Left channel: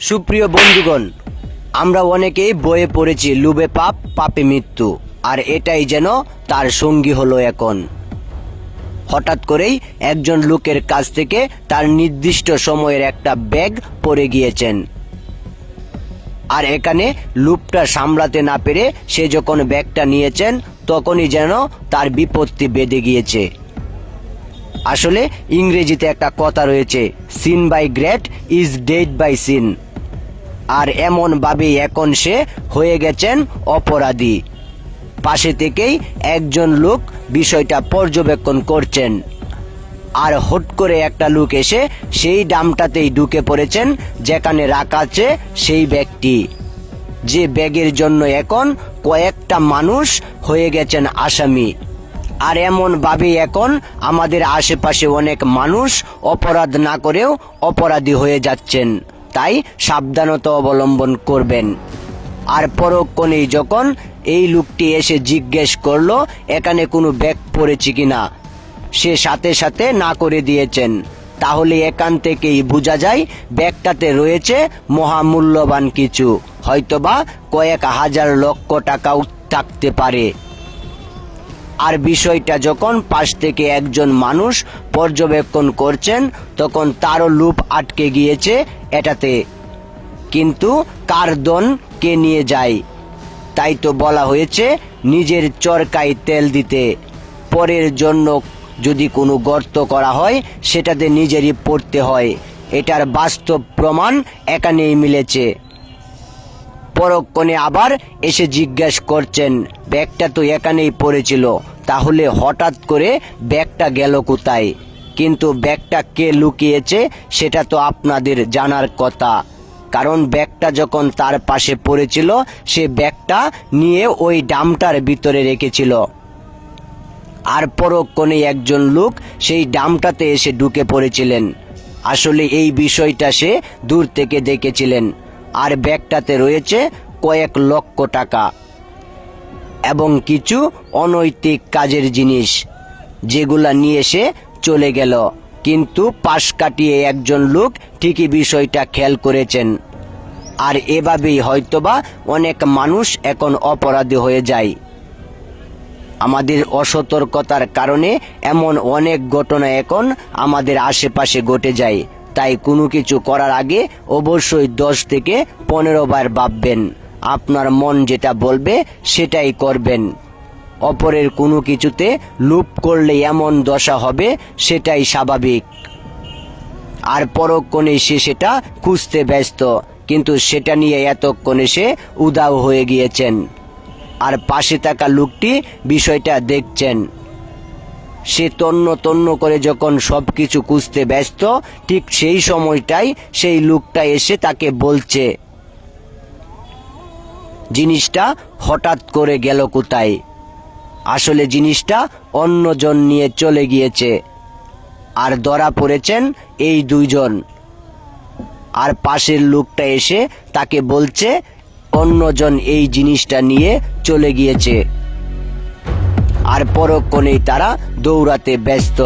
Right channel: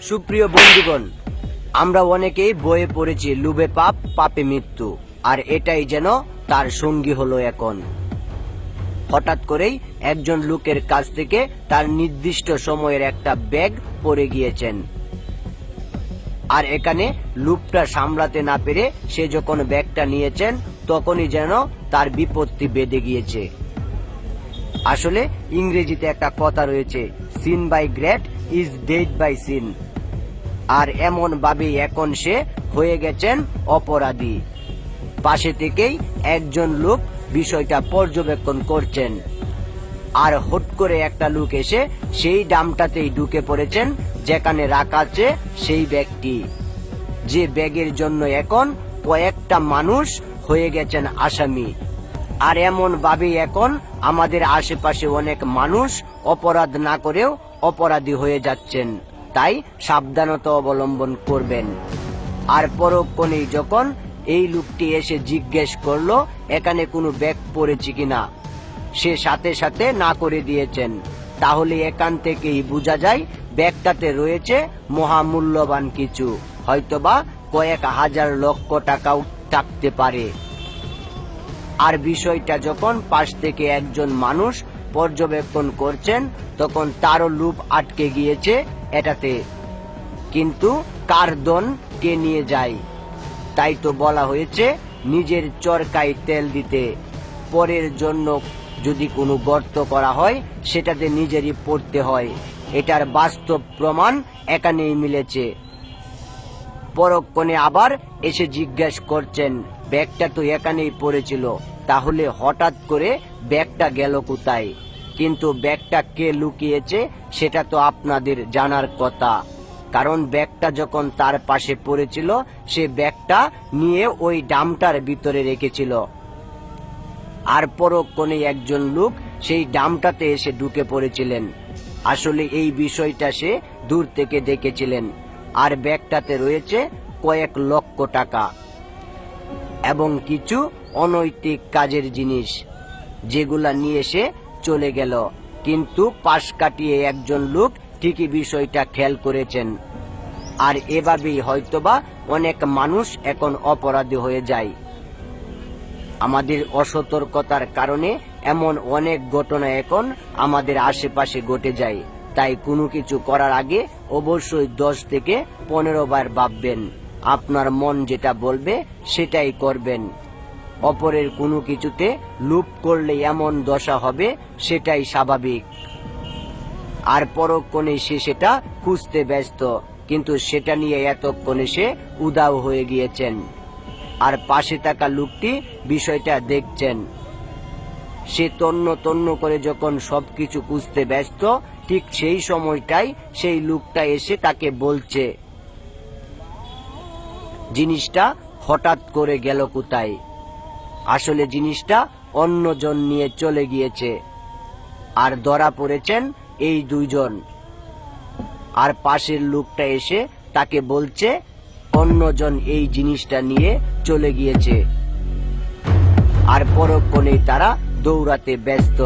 সুপ্রিয় বন্ধুগণ, আমরা অনেকেই বইয়ে পড়েছি লোভে পাপ, পাপে মৃত্যু, আর এটাই যেন তার সঙ্গী হলো এখন। হঠাৎ করেই একজন লোকের কাছ থেকে তার নির্দিষ্ট সময়ের একটা ব্যাগ পড়ে গিয়েছেন, আর এখানে লোভটা সামলাতে না পেরে সে যখন ব্যাগটা নিয়েছেন তখনই যেন তার বিপত্তি বেঁধে গিয়েছে। আসলে ইংরেজিতে একটা কথা রয়েছে, sin by great is dead by sin. আর এমন ভাবেই এখন সে হয়ে গেছেন অপরাধী। পাশে থেকেই একজন লোক বিষয়টা পর্যবেক্ষণ করছেন, আর হট করে একটা লোক এসে সেই ডামটাতেই ঢুকে পড়েছেন যেখানে রাখা আছে সেই ব্যাগটি, যে ব্যাগের জন্য এখন কয়েকটা মানুষ হয়ে গেছেন আসামি। আর এমন ভাবেই এখন আমাদের আশেপাশে অনেক মানুষ অপরাধ না করেও অপরাধী হয়ে যাচ্ছেন, তাই সাবধানতা অবলম্বন করবেন। আর পরক্ষণেই যখন এই লোকটি এসে জিজ্ঞেস করলো এখানে কোনো ব্যাগ পড়েছে কিনা, সে সাথে সাথে না করে দিয়েছেন। তাহলে এখান থেকেই বোঝা যায় ব্যাগটাতে রয়েছে মহামূল্যবান কিছু, হয়তোবা কয়েক হাজার লক্ষ টাকাও থাকতে পারে। আর বিষয়টা যখন পাশ থেকে একজন মানুষ পর্যবেক্ষণ করছেন তখন তারও লোভ আটকে গিয়েছে এটাতে, কিন্তু কার ধন কে নিয়ে যায়। তাই তো বলা হয়েছে নিজের চরকায় তেল দিতে। পরের জন্য যদি কোনো গর্ত করা হয় সেটাতে নিজেরই পড়তে হয়। এটার বাস্তব প্রমাণ এখানেই মিলেছে। পরক্ষণে আবার এসে জিজ্ঞেস করছেন ব্যাগটা তো এখানেই পড়েছিল, তাহলে হঠাৎ করে ব্যাগটা গেল কোথায়? কিন্তু ব্যাগটা কে লুকিয়েছে সেটা তো আপনাদের জানার কথা, কারণ ব্যাগটা যখন তার পাশে পড়েছিল সে ব্যাগটা নিয়ে ওই ডামটার ভিতরে রেখেছিল। আর পরক্ষণে একজন লোক সেই ডামটাতে এসে ঢুকে পড়েছিলেন। আসলে এই বিষয়টা সে দূর থেকে দেখেছিলেন। আর ব্যাগটাতে রয়েছে কয়েক লক্ষ টাকা এবং কিছু অনৈতিক কাজের জিনিস, যেগুলা নিয়ে সে চলে গেল। কিন্তু পাশ কাটিয়ে একজন লোক ঠিকই বিষয়টা খেয়াল করেছেন। আর এভাবেই হয়তোবা অনেক মানুষ এখন অপরাধী হয়ে যায়। আমাদের অসতর্কতার কারণে এমন অনেক ঘটনা এখন আমাদের আশেপাশে ঘটে যায়। তাই কোনো কিছু করার আগে অবশ্যই 10 থেকে 15 বার ভাববেন। আপনার মন যেটা বলবে সেটাই করবেন। অপরের কোনো কিছুতে লোভ করলে এমন দশা হবে সেটাই স্বাভাবিক। আর পরক্ষণে সে সেটা খুঁজতে ব্যস্ত, কিন্তু সেটা নিয়ে এতক্ষণে সে উধাও হয়ে গিয়েছেন। আর পাশে থাকা লোকটি বিষয়টা দেখছেন। সে তন্ন তন্ন করে যখন সবকিছু খুঁজতে ব্যস্ত, ঠিক সেই সময়টাই সেই লোকটা এসে তাকে বলছে জিনিসটা হঠাৎ করে গেল কোথায়। আসলে জিনিসটা অন্যজন নিয়ে চলে গিয়েছে, আর ধরা পড়েছেন এই দুইজন। আর পাশের লোকটা এসে তাকে বলছে অন্যজন এই জিনিসটা নিয়ে চলে গিয়েছে। আর পরক্ষণেই তারা দৌড়াতে ব্যস্ত।